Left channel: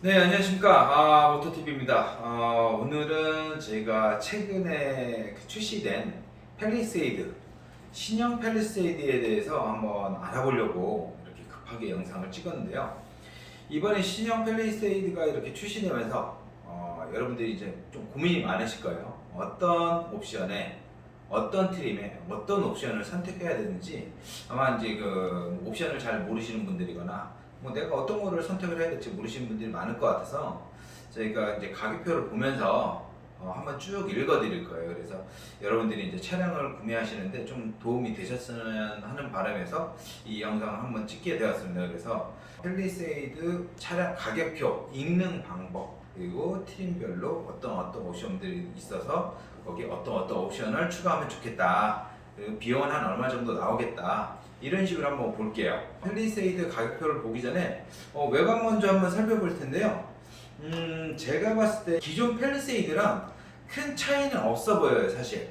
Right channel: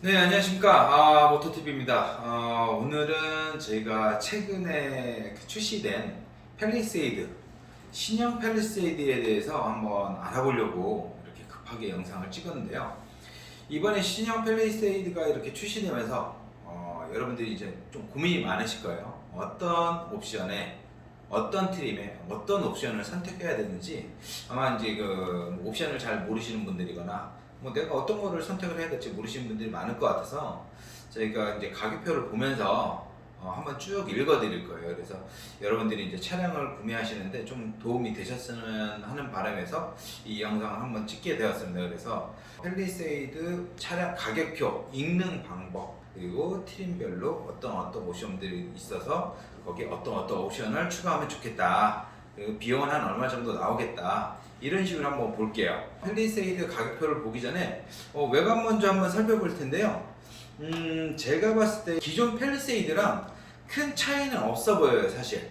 네, 안녕하십니까. 모토TV입니다. 오늘은 제가 최근에 출시된 팰리세이드, 신형 팰리세이드에 대해서 한번 알아보려고 이렇게 급하게 영상을 찍었는데요. 이번에 신형 팰리세이드가 이렇게 출시되면서 여러분들이 이제 좀 고민이 많으실 거예요. 어떤 옵션에, 어떤 트림에, 어떤 옵션을 선택해야 되는지 아마 이제 뭐 옵션을 잘 모르시는 분들이거나 뭐 내가 어떤 거를 선택을 해야 될지 모르시는 분들이 많을 것 같아서 저희가 이제 가격표를 보면서 한번 쭉 읽어 드릴 거예요. 그래서 여러분들이 이제 차량을 구매하시는데 좀 도움이 되셨으면 하는 바람에서 이 영상을 한번 찍게 되었습니다. 그래서 팰리세이드 차량 가격표 읽는 방법, 그리고 트림별로 어떤 옵션들이 있어서 거기에 어떤 옵션을 추가하면 좋겠다, 그리고 비용은 한 얼마 정도 나오겠다, 이런 식으로 한번 볼게요. 팰리세이드 가격표를 보기 전에 외관 먼저 한번 살펴볼 텐데요. 제가 봤을 때 기존 팰리세이드랑 큰 차이는 없어 보여요, 사실.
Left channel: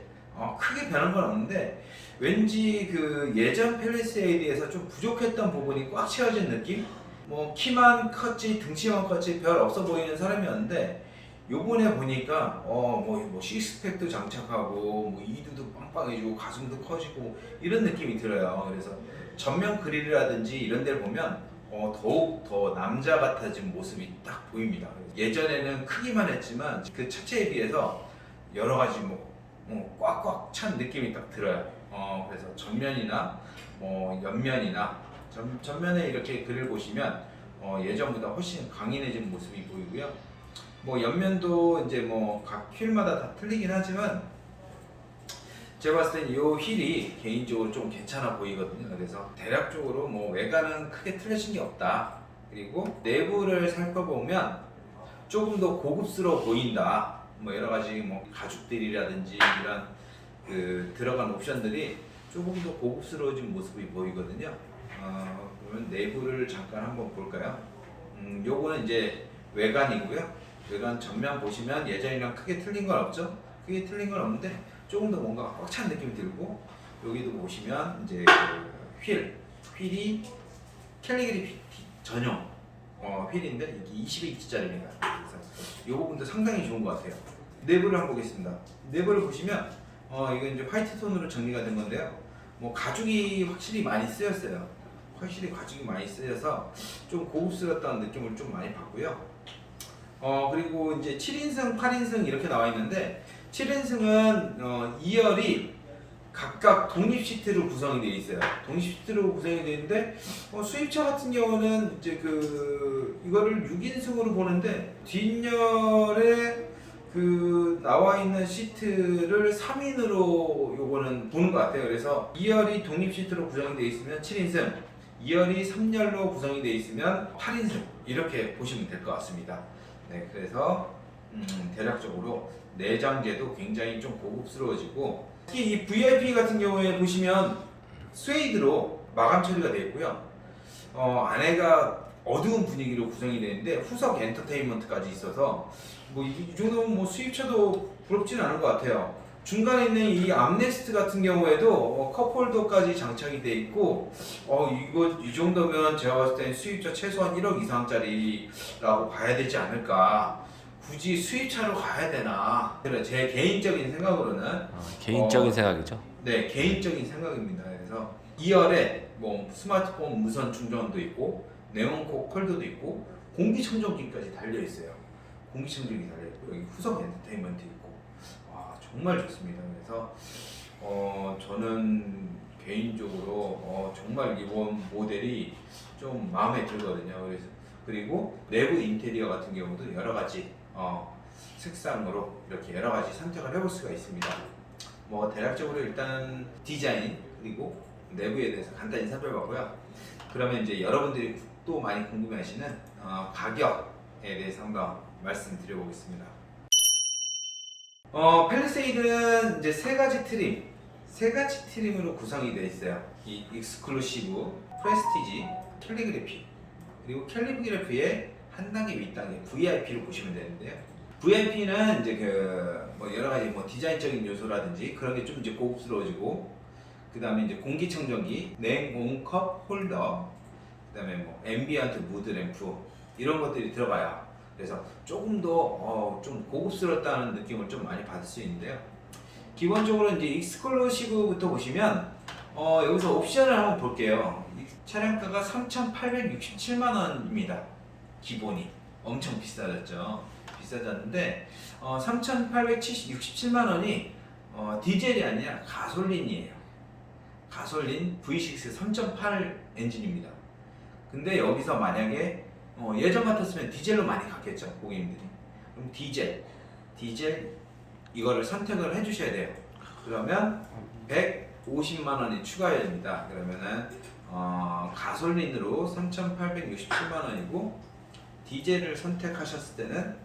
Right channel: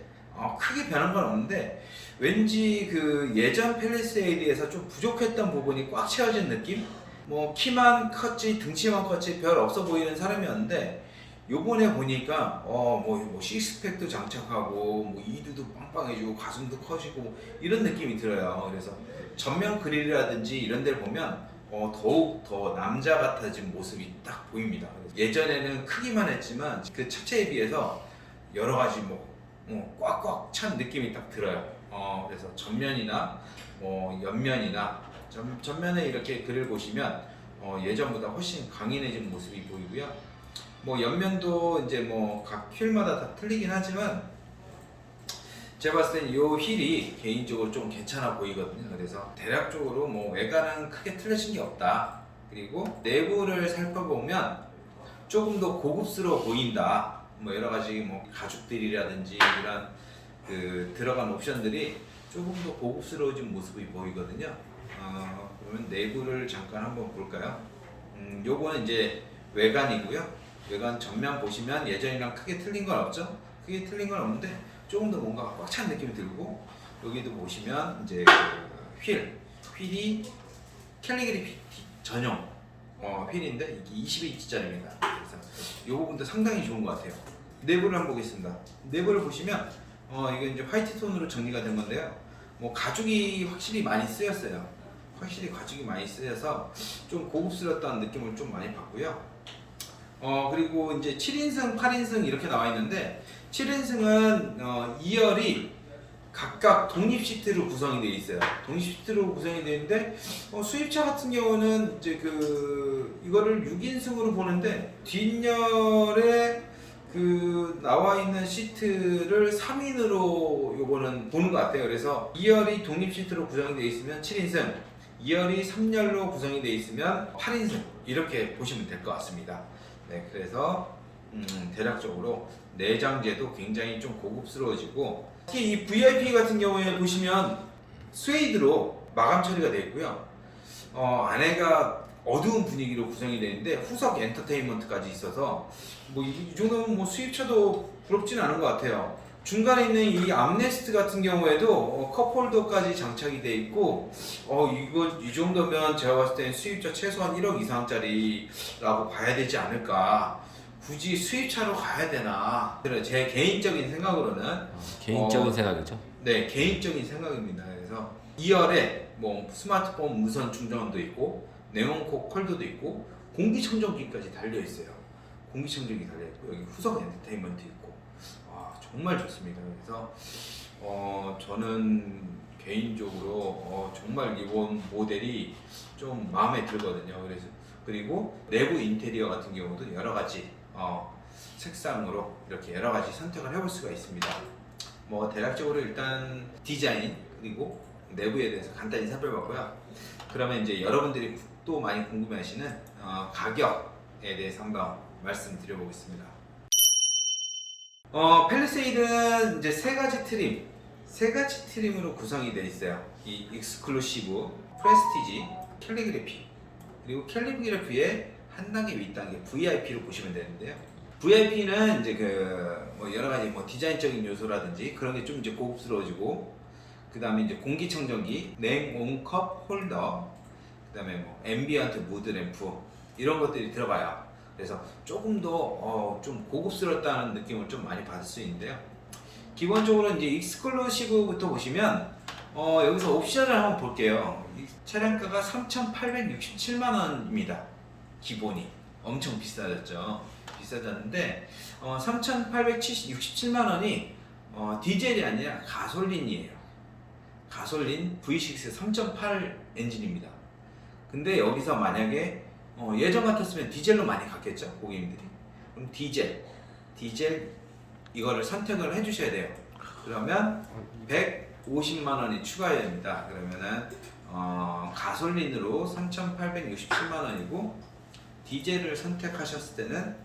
크게 변한 건 없는데 왠지 그 예전 팰리세이드에서 좀 부족했던 부분이 꽉 채워진 느낌? 뭐 키만 컸지 등치만 컸지 별 없어 보이는 사람이었는데 요번에 보니까 뭐 식스팩도 장착하고 뭐 이두도 빵빵해지고 가슴도 커지고 뭐 이런 느낌이 들어요. 그래서 전면 그릴이라든지 이런 데를 보면 더욱 더 남자 같아진 모습이 딱 보입니다. 예전에는 크기만 했지만 그 차체에 비해서 여러 가지 꽉꽉 찬 느낌이 딱 들어요. 그래서 전면이나 뭐 옆면이나 전면에 이렇게 그릴 보시면 예전보다 훨씬 강인해진 모습이 보이고요. 뭐 옆면도 이제 뭐 각 휠마다 다 틀리긴 하지만 제가 봤을 땐 이 휠이 개인적으로 좀 괜찮아 보이거든요. 그래서 대략적으로 뭐 외관은 크게 틀려진 게 없다. 그리고 내부를 살펴보면 조금 더 고급스러워 보인다. 뭐 여러 가지 뭐 가죽들이라든지 이런 그 들어간 옵션들이 조금 더 고급스러워진 모습이 보이거든요. 그러면 내부를 잠깐 한번 볼까요? 요거는 이제 외관이고요. 외관 전면 보시면 예전이랑 크게 틀린 건 없죠? 크게 틀린 건 없는데 조금 더 뭔가 꽉 찬 느낌이 들고, 여기도 보시면 이제 그 휠이 캘리그래피 전용 휠인데 이게 22인치짜리입니다. 그래서 이 부분도 상당히 좋은 것 같아요. 내부를 한번 보겠습니다. 내부를 보시면 이거 이제 화이트 톤으로 정리가 된 건데요. 뭐 가죽이 확실히 많이 쓰였어요. 확실히 가죽이 많이 쓰여서 좀 고급스러웠다는 느낌을 좀 많이 받고요. 그리고 이제 7인승, 8인승 이렇게 나와 있는데 7인승은 2열이 각각 독립 시트로 구성이 되어 있어요. 독립 시트로 구성이 되어 있는데 수입차 같은 경우는 이제 이거를 6인승으로 보는데 뒷열에 그 나와 있는 시트를 3인으로 요거는 보는 것 같아요. 그래서 2열이 독립 시트로 구성이 되어 있으면 7인승, 2열이 3열로 구성이 되어 있으면 8인승, 이렇게 보시면 될 것 같습니다. 네, 그래서 대략적으로 내장재도 굉장히 좀 고급스러워지고, 특히 이 VIP 같은 경우에 보시면 스웨이드로 마감 처리가 되어 있고요. 안에가 어두운 분위기로 구성이 되어 있는데 후석 엔터테인먼트까지 있어서 뭐 이 정도면 뭐 수입차도 부럽지는 않은 것 같아요. 중간에 있는 이 암레스트 같은 경우에도 컵홀더까지 장착이 되어 있고, 이거 이 정도면 제가 봤을 땐 수입차 최소한 1억 이상짜리라고 봐야 되지 않을까. 굳이 수입차로 가야 되나? 제 개인적인 생각으로는 개인적인 생각이죠. 네, 개인적인 생각입니다. 그래서 2열에 뭐 스마트폰 무선 충전도 있고 네온콕 컬더도 있고 공기청정기까지 달려 있어요. 공기청정기 달려 있고 여기 후석 엔터테인먼트 있고, 와 정말 좋습니다. 그래서 저는 개인적으로 정말 이번 모델이 좀 마음에 들거든요. 그리고 내부 인테리어 같은 경우도 여러 가지 색상으로 이렇게 여러 가지 선택을 해볼 수가 있습니다. 뭐 대략적으로 일단 디자인 그리고 내부에 대해서 간단히 살펴봤고요. 그러면 이제 여러분들이 또 많이 궁금해하시는 가격에 대해서 한번 말씀드려보겠습니다. 팰리세이드는 이제 세 가지 트림으로 구성이 되어 있어요. 이 익스클루시브, 프레스티지, 캘리그래피, 그리고 캘리그래피의 한 단계 윗단계 VIP로 보시면 되는데요. VIP는 이제 뭐 여러 가지 뭐 디자인적인 요소라든지 그런 게 좀 이제 고급스러워지고, 그 다음에 이제 공기청정기, 냉온컵 홀더, 그 다음에 뭐 앰비언트 무드 램프 이런 것들이 들어가요. 그래서 조금 더 좀 고급스럽다는 느낌을 좀 많이 받을 수 있는데요. 기본적으로 이제 익스클루시브부터 보시면 여기서 옵션을 한번 볼게요. 이 차량가가 3,867만 원입니다. 기본이 엄청 비싸졌죠. 비싸졌는데 3,867만 원이 디젤이 아니라 가솔린이에요. 가솔린 V6 3.8 엔진입니다. 근데 여기서 만약에 예전 같았으면 디젤로 많이 갔겠죠, 고객님들이. 그럼 디젤 이거를 선택을 해주셔야 돼요. 그러면 150만 원이 추가됩니다. 그러면은 가솔린으로 3,867만 원이고 디젤을 선택하셨을 때는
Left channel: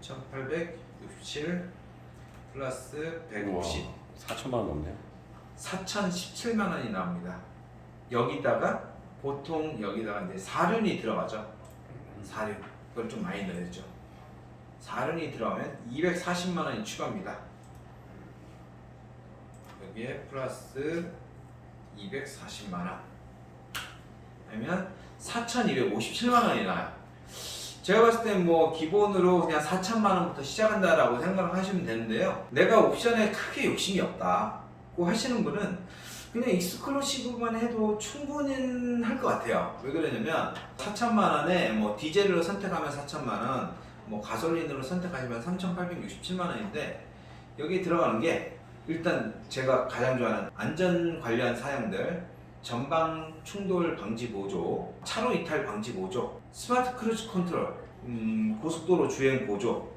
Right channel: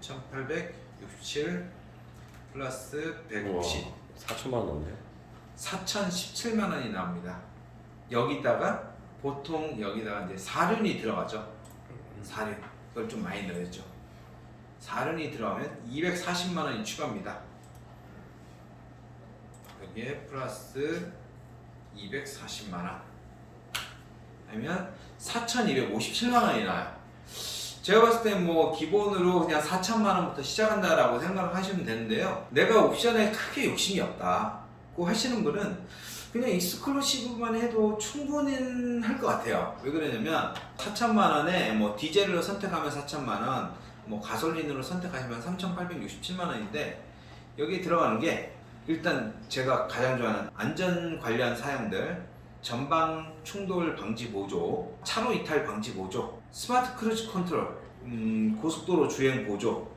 3,867 플러스 150 4천만 원 넘네요. 4,017만 원이 나옵니다. 여기다가 보통 여기다가 이제 사륜이 들어가죠. 사륜 그걸 좀 많이 넣었죠. 사륜이 들어가면 240만 원이 추가입니다. 여기에 플러스 240만 원 하면 4,257만 원이 나와요. 제가 봤을 때 뭐 기본으로 그냥 4천만 원부터 시작한다라고 생각을 하시면 되는데요. 내가 옵션에 크게 욕심이 없다고 하시는 분은 그냥 익스클루시브만 해도 충분히 할 것 같아요. 왜 그러냐면 4천만 원에 뭐 디젤로 선택하면 4천만 원, 뭐 가솔린으로 선택하시면 3,867만 원인데 여기에 들어가는 게 일단 제가 가장 좋아하는 안전 관련 사양들, 전방 충돌 방지 보조, 차로 이탈 방지 보조, 스마트 크루즈 컨트롤, 고속도로 주행 보조,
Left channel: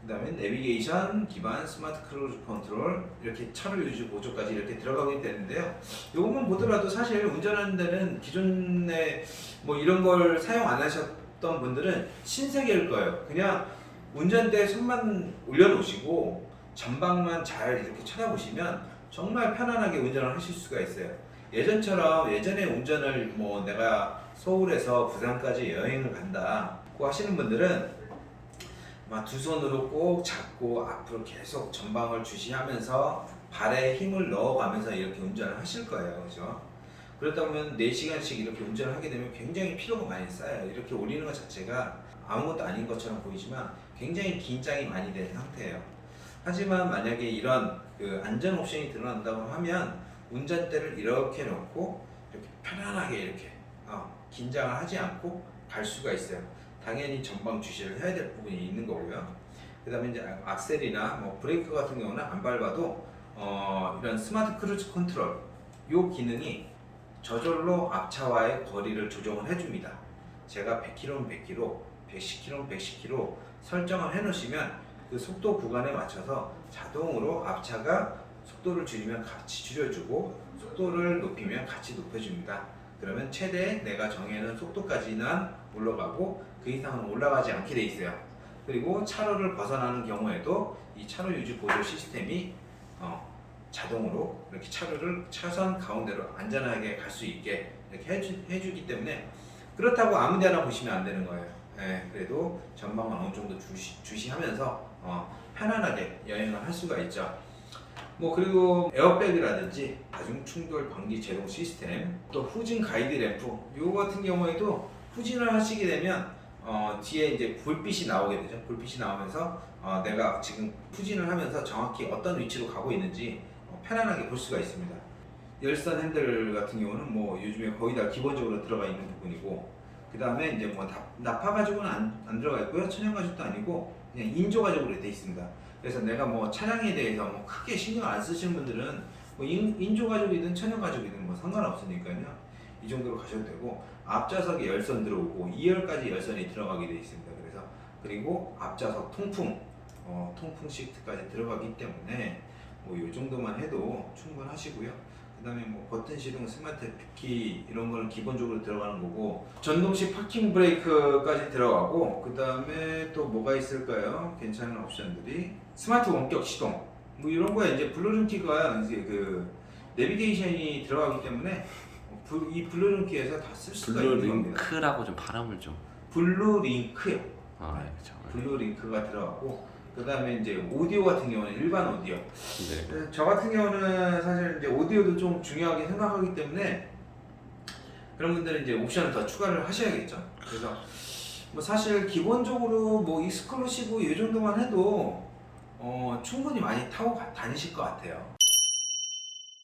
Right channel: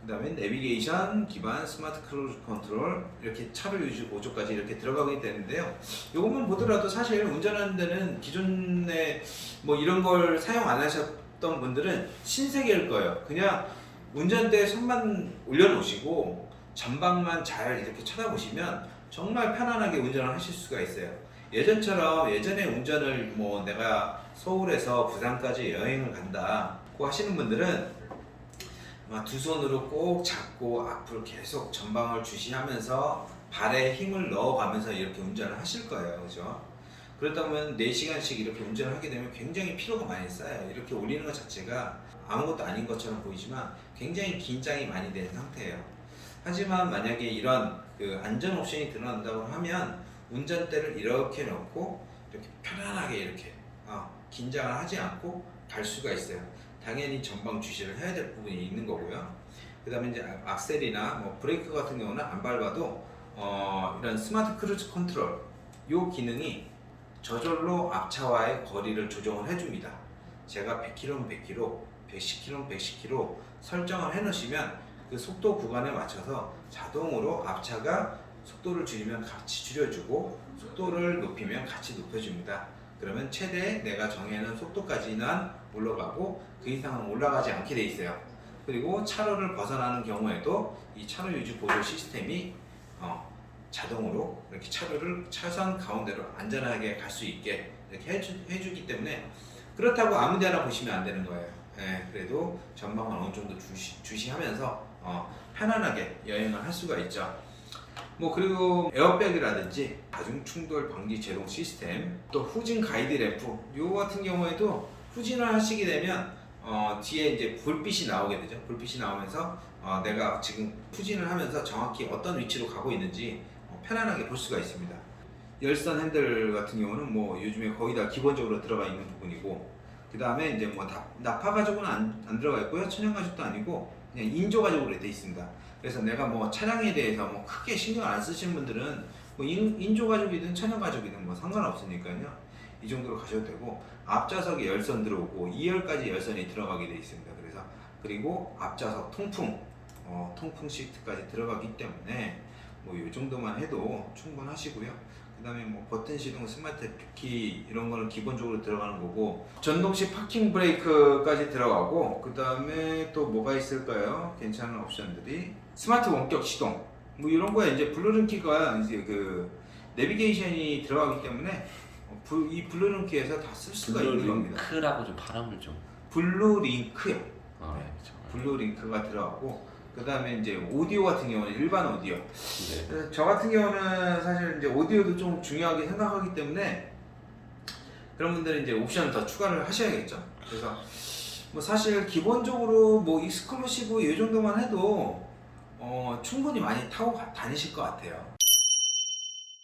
그 다음에 내비게이션 기반 스마트 크루즈 컨트롤, 이렇게 차로 유지 보조까지 이렇게 들어가게 되는데요. 이것만 보더라도 사실 운전하는 데는 기존에 뭐 이런 걸 사용 안 하셨던 분들은 신세계일 거예요. 그냥 운전대에 손만 올려놓으시고 전방만 잘 이렇게 쳐다보시면 정말 편안하게 운전을 하실 수가 있어요. 예전에 운전을 뭐 내가 서울에서 부산까지 여행을 간다고 하시는 분들은 막 두 손으로 꼭 잡고 앞으로 계속 전방을 주시하면서 발에 힘을 넣어가면서 이렇게 운전을 하실 거예요. 그죠? 그렇다 보면 4시간씩 이렇게 운전을 하게 되면 굉장히 피로가 많이 쌓여요. 이렇게 올리는 것 자체가 아무것도 아닌 것처럼 보이지만 굉장히 긴장이 많이 된 상태예요. 하지만 만약에 이런 안전 옵션이 들어간다고 하면 운전대를 이렇게 놓고 이렇게 편안하게 이렇게 긴장을 하지 않고 갈 수가 있어요. 당연히 전방 주시를 해야 될 부분이 있는 거고요. 그 다음에 이제 악셀이나 뭐 브레이크 같은 경우는 안 밟아도 이런 스마트 크루즈 컨트롤 이 기능이 저절로 앞차와의 거리를 조정을 해줍니다. 제가 100km면 100km, 110km면 110km 설정을 해놓으시면 그 속도 구간에 맞춰서 자동으로 앞차가 속도를 줄이면 같이 줄여주고 속도를 높이면 같이 높여줍니다. 그러면 최대 내가 정해놓은 속도까지는 올라가고 그 이상은 올라가지 않게 돼 있어요. 그리고 차로를 벗어나는 경우에도 이 차로 유지 보조 시스템이 자동으로 이렇게 차로를 차선 가운데로 안전하게 갈 수 있게 이렇게 해주기 때문에 그렇다고 아무 데나 보시면 안 되는 거예요. 그래도 전방을 어느 정도 주시하면서 편안하게 여행을 할 수가 있죠. 뭐 그리고 에어백이라든지 다중 충돌 방지 제동 시스템, 또 후진 가이드 램프 요 같은 경우에도 후진을 하시게 되면 뒤에 이제 불빛이 나오게 되죠. 불빛이 나오면서 내가 지금 후진을 하면서 정확히 어떤 위치로 가고 있는지 편안하게 볼 수가 있습니다. 열선 핸들 같은 경우는 뭐 요즘에 거의 다 기본적으로 들어가 있는 부분이고, 그 다음에 이제 뭐 나파 가죽은 안 들어가 있고요. 천연 가죽도 아니고 그냥 인조 가죽으로 되어 있습니다. 그래서 내가 뭐 차량에 대해서 뭐 크게 신경 안 쓰시는 분들은 뭐 인조 가죽이든 천연 가죽이든 뭐 상관없으니까요. 이 정도로 가셔도 되고, 앞좌석에 열선 들어오고 2열까지 열선이 들어가게 되어 있습니다. 그리고 앞좌석 통풍 시트까지 들어가기 때문에 뭐 이 정도만 해도 충분하시고요. 그 다음에 뭐 버튼 시동, 스마트 키 이런 거는 기본적으로 들어가는 거고, 전동식 파킹 브레이크까지 들어가고, 그 다음에 또 뭐가 있을까요? 괜찮은 옵션들이 스마트 원격 시동 뭐 이런 거에 이제 블루링키가 이제 그 내비게이션이 들어가기 때문에 이 블루링키에서 다 쓸 수가 있는 겁니다. 블루링크라고 좀 발음을 좀. 블루링크요. 그렇죠. 블루링크가 들어가고, 그 다음에 이제 오디오 같은 경우는 일반 오디오. 네. 저 같은 경우는 사실 이제 오디오도 좀 중요하게 생각하기 때문에 그런 분들은 이제 옵션을 더 추가를 하셔야겠죠. 그래서 뭐 사실 기본적으로 뭐 익스클루시브 이 정도만 해도 충분히 많이 타고 다니실 것 같아요.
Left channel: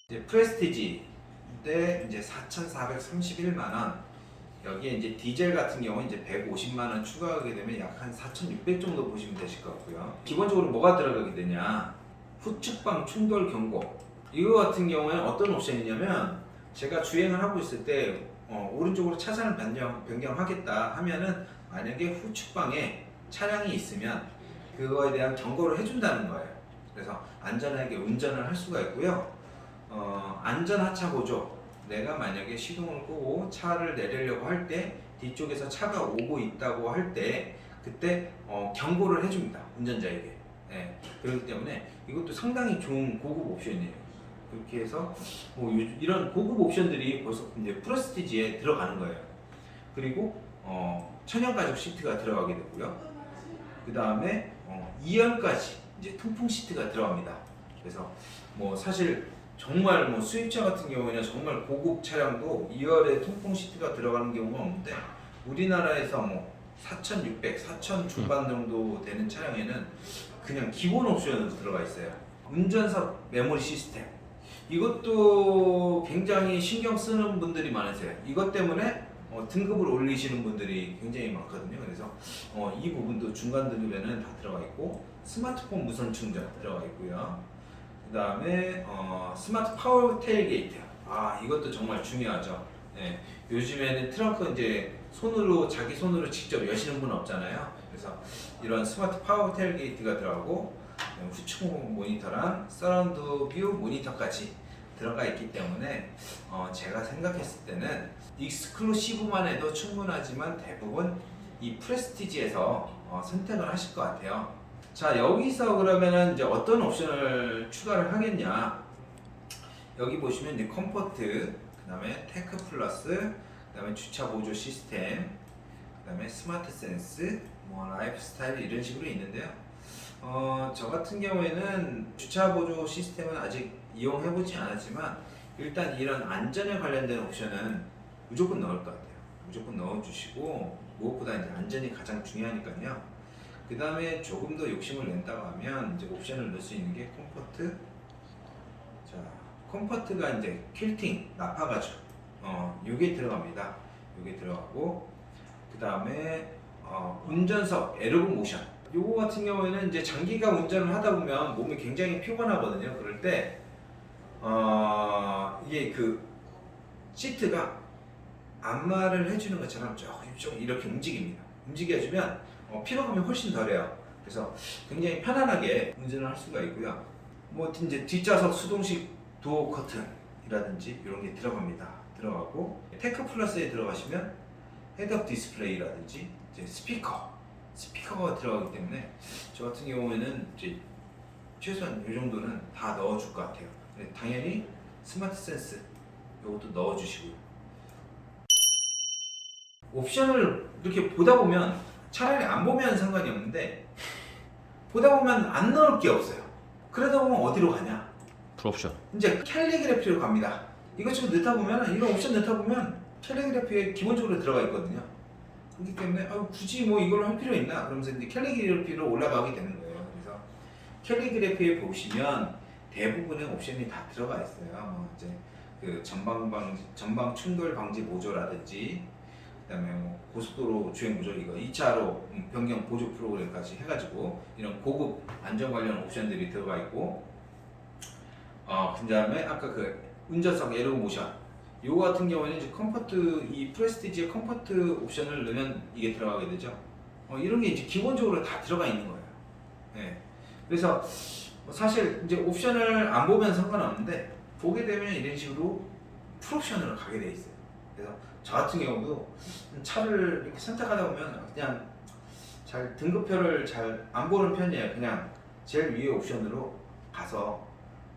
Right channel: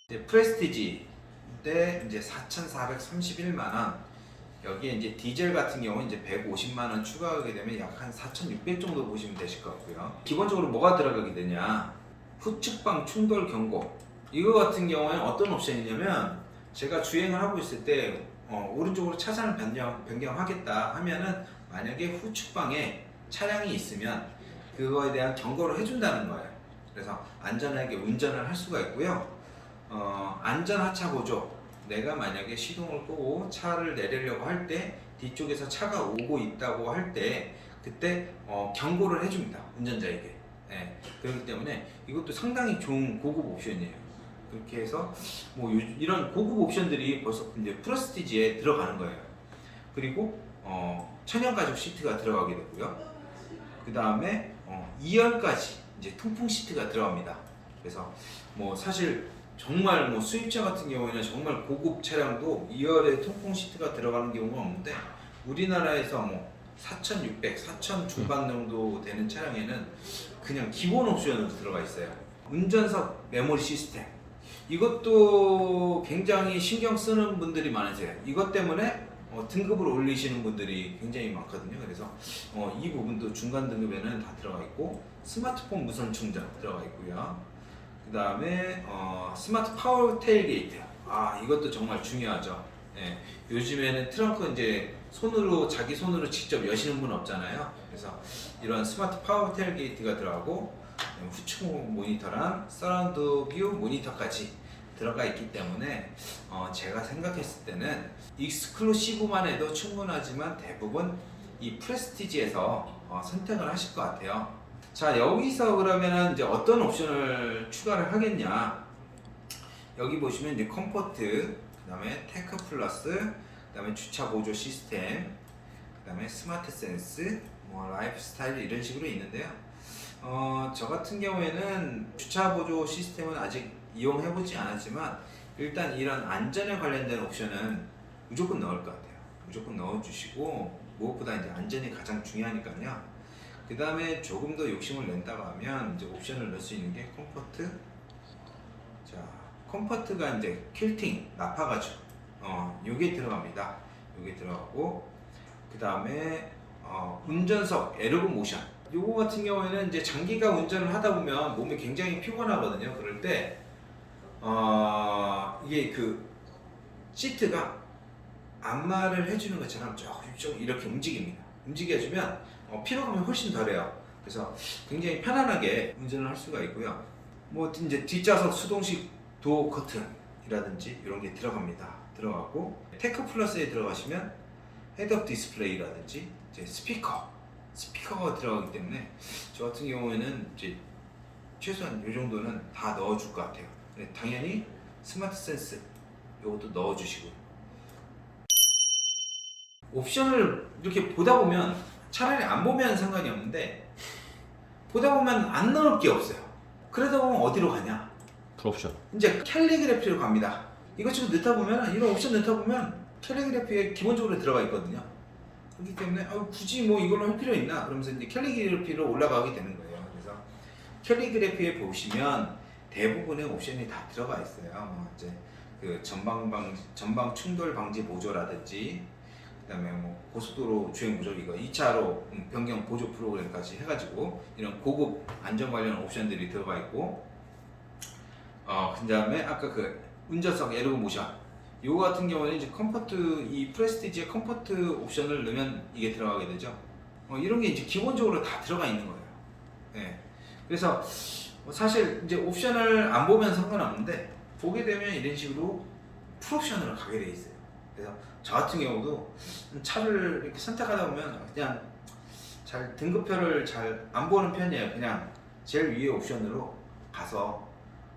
이제 프레스티지인데 이제 4,431만 원. 여기에 이제 디젤 같은 경우는 이제 150만 원 추가하게 되면 약 한 4,600 정도 보시면 되실 것 같고요. 기본적으로 뭐가 들어가게 되냐? 후측방 충돌 경고. 이거 같은 경우에는 어떤 옵션이냐면 제가 주행을 하고 있을 때 오른쪽으로 차선을 변경하겠다 하면은 만약에 후측방에 차량이 있으면 그거에 대한 경고를 해준다는 거예요. 그래서 안전하게 운전을 할 수가 있고요. 안전 하차 보조. 내가 만약에 시동을 끄고 차를 내리려고 할 때 뒤쪽에서 차가 오고 있다고 할 때 그때 경고를 해줍니다. 운전자에게. 네. 그렇기 때문에 이것도 상당히 좋은 고급 옵션이에요. 그렇게 해서 뭐 이런 고급 옵션들이 벌써 이제 프레스티지에 들어가는 거예요. 그리고 천연 가죽 시트가 들어가게 되고요. 그 다음에 2열까지 이제 통풍 시트가 들어갑니다. 그래서 뭐 사실 정말 뭐 수입차 같은 경우에는 정말 고급 차량도 2열에 통풍 시트가 들어가는 경우가 없는데 우리나라에서 뭐 4,600, 4,000 중반 정도 되는 차량에는 그냥 기본 옵션으로 들어가 있어요. 운전석 메모리 시스템. 이것도 굉장히 신경 쓰는 분들이 많으세요. 이것 때문에 등급을 올리시는 분들이 굉장히 많거든요. 그래서 이 부분도 중간 등급에는 다 들어가 있고 스마트폰 무선 충전 들어가 있고요. 그 다음에 스마트 파워 테일게이트. 이것도 정말 중요하죠. 예, 요즘에는 트렁크 이제 자기 손으로 직접 여시는 분 없잖아요. 그래서 이런 스마트 파워 테일게이트가 들어가고 후측 모니터랑 서라운드 뷰 모니터까지 들어가 있기 때문에 제가 생각했을 때는 익스클루시브만 해도 충분하지만 대부분 이 프레스티지에서 선택을 하실 것 같아요. 자, 여기서 그러면은 이제 어떤 옵션을 추가를 하겠냐? 여기 보시면 이제 컴포트, 그 다음에 테크 플러스, 그 다음에 주차 보조 시스템, 그 다음에 스마트 센스, 뭐 라이프 스타일 이런 식으로 있는데요. 저 같은 경우에는 주차 보조 시스템은 아직 이용해보지 않았지만 일단 이런 안전에 관련된 옵션은 무조건 넣을 것 같아요. 무조건 넣어주시고 무엇보다 이제 안전이 가장 중요하니까요. 그 다음에 조금 더 욕심을 낸다고 하면 이제 옵션을 넣을 수 있는 게 컴포트. 자, 컴포트가 이제 퀼팅, 나파가죽. 요게 들어갑니다. 요게 들어가고 그 다음에 운전석 에르고 모션. 요거 같은 경우에는 이제 장기간 운전을 하다 보면 몸이 굉장히 피곤하거든요. 그럴 때 이게 그 시트가 안마를 해주는 것처럼 좀 이렇게 움직입니다. 움직여주면 피로감이 훨씬 덜해요. 그래서 굉장히 편안하게 운전을 할 수가 있고요. 뭐 이제 뒷좌석 수동식 도어 커튼이라든지 이런 게 들어가고 테크 플러스에 들어가시면 헤드업 디스플레이라든지 이제 스피커가 들어가기 때문에 저 같은 경우에는 이제 최소한 이 정도는 다 넣어줄 것 같아요. 당연히 스마트 센스 이것도 넣어주시고요. 옵션을 이렇게 보다 보면 차라리 안 보면 상관이 없는데 보다 보면 안 넣을 게 없어요. 그러다 보면 어디로 가냐? 풀옵션. 이제 캘리그래피로 갑니다. 이것저것 넣다 보면 이런 옵션 넣다 보면 캘리그래피에 기본적으로 들어가 있거든요. 그렇기 때문에 굳이 뭐 이걸로 할 필요 있나? 그러면서 이제 캘리그래피로 올라가게 되는 거예요. 그래서 캘리그래피에 보시면 대부분의 옵션이 다 들어가 있어요. 이제 그 전방 충돌 방지 보조라든지 그다음에 뭐 고속도로 주행 보조 이거 2차로 변경 보조 프로그램까지 해가지고 이런 고급 안전 관련 옵션들이 들어가 있고 그다음에 아까 그 운전석 에르고 모션 이거 같은 경우는 이제 컴포트 이 프레스티지의 컴포트 옵션을 넣으면 이게 들어가게 되죠. 이런 게 이제 기본적으로 다 들어가 있는 거예요. 네. 그래서 사실 이제 옵션을 안 보면 상관없는데 보게 되면 이런 식으로 풀옵션으로 가게 돼 있어요. 그래서 저 같은 경우도 차를 이렇게 선택하다 보면 그냥 잘 등급표를 잘 안 보는 편이에요. 그냥 제일 위에 옵션으로 가서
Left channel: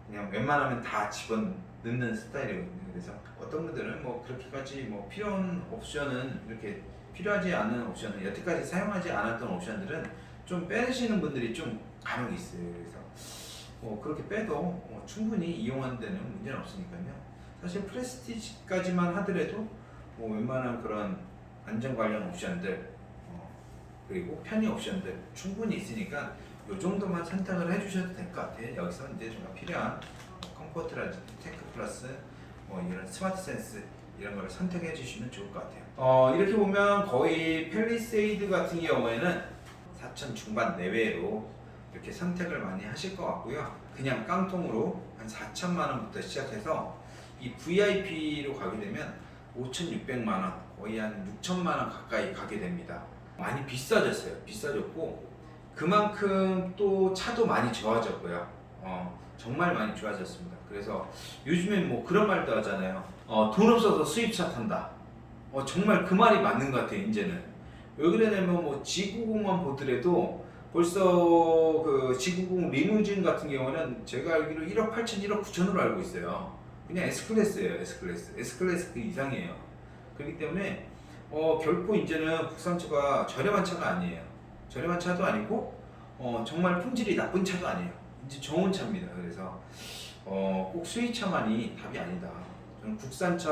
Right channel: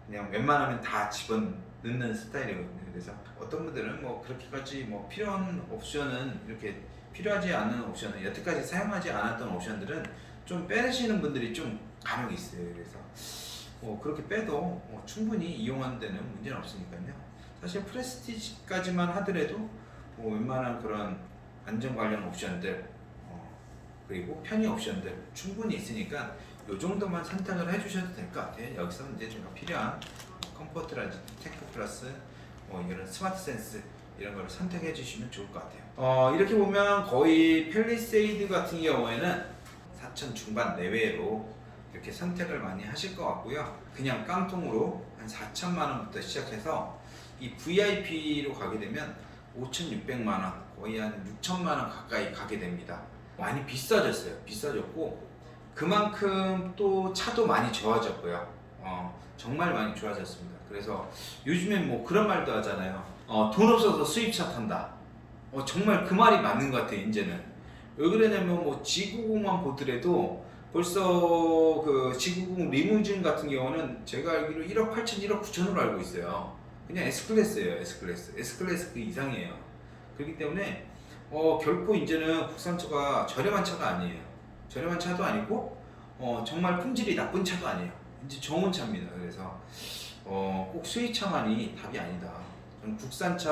그냥 웬만하면 다 집어넣는 스타일이거든요. 그래서 어떤 분들은 뭐 그렇게까지 뭐 필요한 옵션은 이렇게 필요하지 않은 옵션은 여태까지 사용하지 않았던 옵션들은 좀 빼시는 분들이 좀 간혹 있어요. 그래서 뭐 그렇게 빼도 충분히 이용하는 데는 문제는 없으니까요. 사실 프레스티지까지만 하더라도 뭐 웬만한 그런 안전 관련 옵션들 그리고 편의 옵션들 충분히 있으니까 이 정도만 선택을 해주셔도 될 것 같아요. 여기서 이제 제가 필요한 컴포트라든지 테크 플러스 이런 스마트 센스 이런 걸 선택해 주시면 좋을 것 같아요. 이렇게 보면 거의 펠리세이드 같은 경우에는 4천 중반 내외로 이렇게 선택을 많이 하실 것 같고요. 그냥 깡통으로 한 4천만 원부터 시작해서 이 VIP로 가게 되면 5,600만 원, 거의 한 6천만 원 가까이 가게 됩니다. 많이 비싸졌어요. 비싸졌고 그만큼 또 차도 많이 좋아졌고요. 정말 많이 좋아졌습니다. 그래서 요즘엔 뭐 그런 말도 하잖아요. 돈 없어서 수입차 탄다. 정말 그 말이 맞는 것 같아요. 이제는 왜 그러냐면 뭐 G90만 보더라도 벌써 그 G90 리무진 같은 경우는 제가 알기로 1억 8천, 1억 9천으로 알고 있어요. 그냥 S클래스예요. S클래스 그 이상이에요. 그렇기 때문에 결코 이제는 국산차가 저렴한 차가 아니에요. 저렴한 차도 아니고 정말 품질이 나쁜 차도 아니에요. 이제 좋은 차입니다. 그래서 꼭 수입차만이 답이 아니다. 저는 국산차가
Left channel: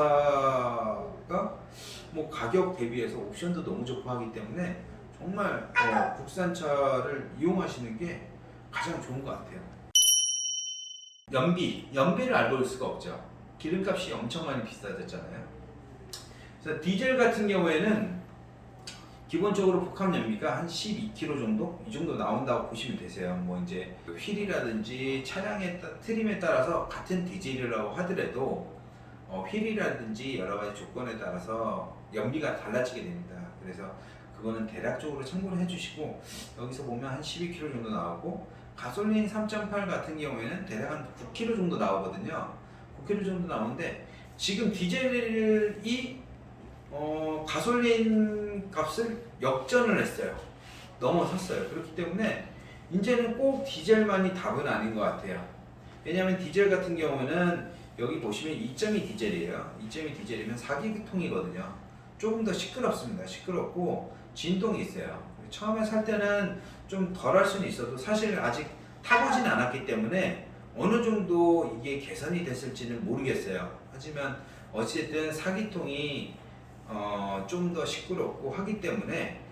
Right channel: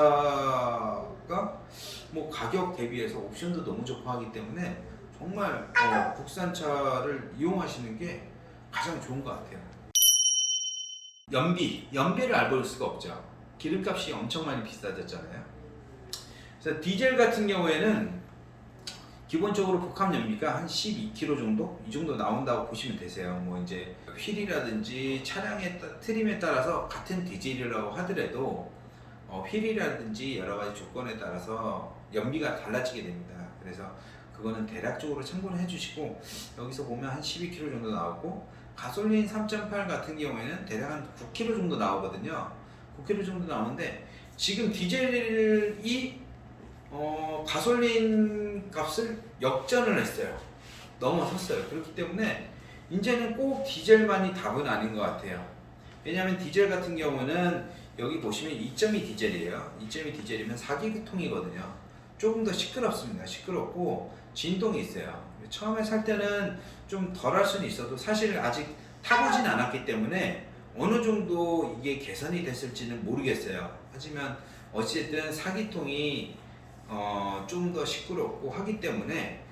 뭐 가격 대비해서 옵션도 너무 좋고 하기 때문에 정말 국산차를 이용하시는 게 가장 좋은 것 같아요. 연비를 알 볼 수가 없죠. 기름값이 엄청 많이 비싸졌잖아요. 그래서 디젤 같은 경우에는 기본적으로 복합 연비가 한 12km 정도? 이 정도 나온다고 보시면 되세요. 뭐 이제 휠이라든지 차량의 트림에 따라서 같은 디젤이라고 하더라도 휠이라든지 여러 가지 조건에 따라서 연비가 달라지게 됩니다. 그래서 그거는 대략적으로 참고를 해주시고 여기서 보면 한 12km 정도 나오고 가솔린 3.8 같은 경우에는 대략 한 9km 정도 나오거든요. 9km 정도 나오는데 지금 디젤이 가솔린 값을 역전을 했어요. 넘어섰어요. 그렇기 때문에 이제는 꼭 디젤만이 답은 아닌 것 같아요. 왜냐하면 디젤 같은 경우는 여기 보시면 2.2 디젤이에요. 2.2 디젤이면 4기통이거든요. 조금 더 시끄럽습니다. 시끄럽고 진동이 있어요. 처음에 살 때는 좀 덜 할 수는 있어도 사실 아직 타보진 않았기 때문에 어느 정도 이게 개선이 됐을지는 모르겠어요. 하지만 어쨌든 4기통이 좀 더 시끄럽고 하기 때문에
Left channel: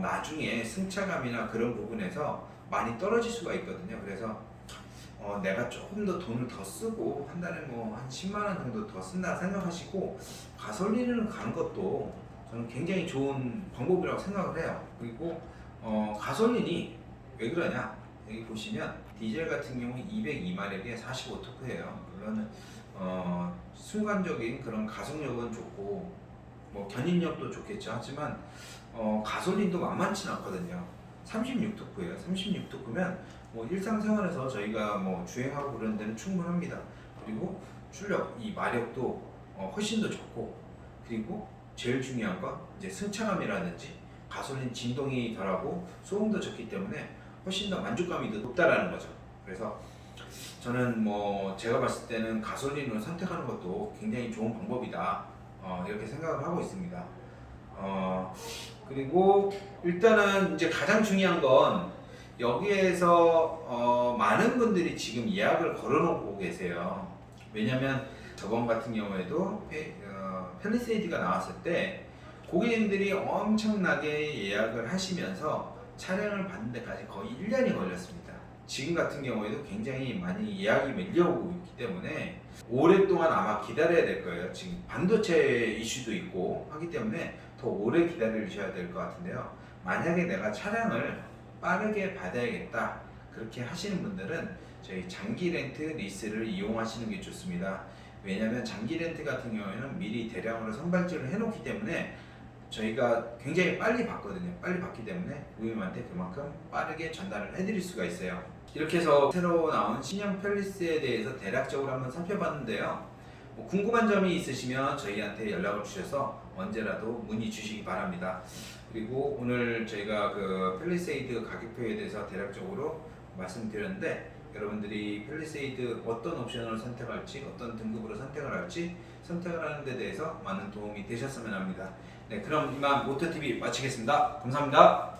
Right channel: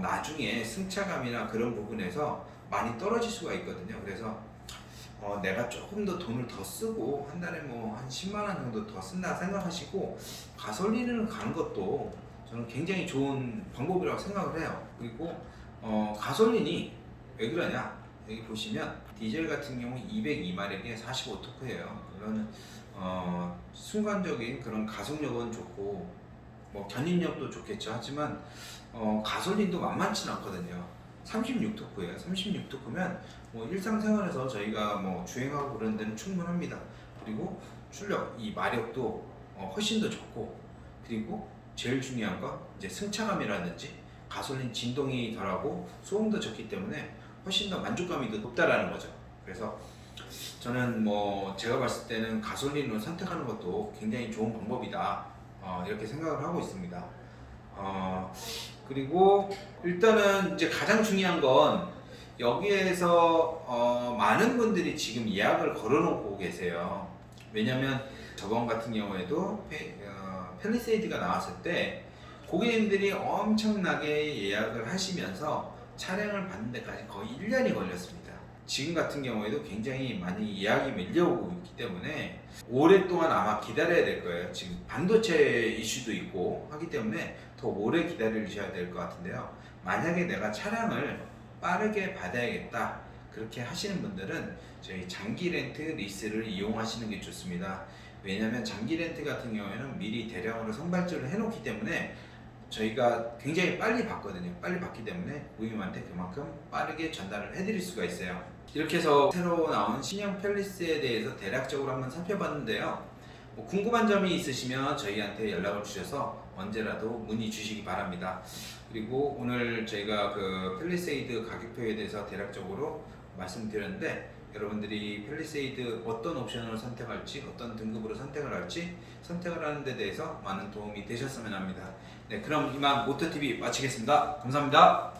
나중에 승차감이나 그런 부분에서 많이 떨어질 수가 있거든요. 그래서 내가 조금 더 돈을 더 쓰고 한 달에 뭐 한 10만 원 정도 더 쓴다 생각하시고 가솔린을 가는 것도 저는 굉장히 좋은 방법이라고 생각을 해요. 그리고 가솔린이 왜 그러냐, 여기 보시면 디젤 같은 경우 202마력에 45토크예요. 물론 순간적인 그런 가속력은 좋고 뭐 견인력도 좋겠죠. 하지만 가솔린도 만만치는 않거든요. 36토크예요. 36토크면 뭐 일상생활에서 저희가 뭐 주행하고 그런 데는 충분합니다. 그리고 출력, 이 마력도 훨씬 더 좋고, 그리고 제일 중요한 건 이제 승차감이라든지 가솔린 진동이 덜하고 소음도 적기 때문에 훨씬 더 만족감이 더 높다라는 거죠. 그래서 저는 뭐 제가 봤을 때는 가솔린을 선택하는 것도 굉장히 좋은 방법이다, 이렇게 생각을 하고 있습니다. 그리고 일단은 이제 가장 중요한 건 여기에서 많은 분들이 지금 예약을 걸어놓고 계세요. 왜냐면 저번 같은 경우에도 펠리세이드가 나왔을 때 고객님들이 엄청나게 예약을 하시면서 차량을 받는 데까지 거의 1년이 걸렸습니다. 지금 같은 경우에도 굉장히 많이 예약이 밀려오고 있기 때문에 오랫동안 아마 기다려야 될 거예요. 지금 반도체 이슈도 있고 하기 때문에 더 오래 기다리셔야 될 것 같은데요. 만약에 내가 차량을 빠르게 받아야겠다, 그렇게 하시는 분들은 저희 장기 렌트 리스를 이용하시는 게 좋습니다. 왜냐하면 장기 렌트 같은 경우에는 미리 대량으로 선발주를 해놓기 때문에 저희가 굉장히 빨리 받거든요. 빨리 받기 때문에 고객님한테 그만큼 빠르게 전달을 해드릴 수가 있어요. 이렇게 해서 새로 나온 신형 펠리스에 대해서 대략적으로 한번 살펴봤는데요. 뭐 궁금한 점이 있으시면 저희한테 연락을 주셔서 언제라도 문의 주시기 바랍니다. 그리고 오늘 저희가 그 펠리세이드 가격표에 대해서 대략적으로 말씀드렸는데, 여러분들이 펠리세이드 어떤 옵션을 선택할지, 어떤 등급으로 선택을 할지 선택을 하는 데 대해서 많은 도움이 되셨으면 합니다. 네, 그럼 이만 모터TV 마치겠습니다. 감사합니다.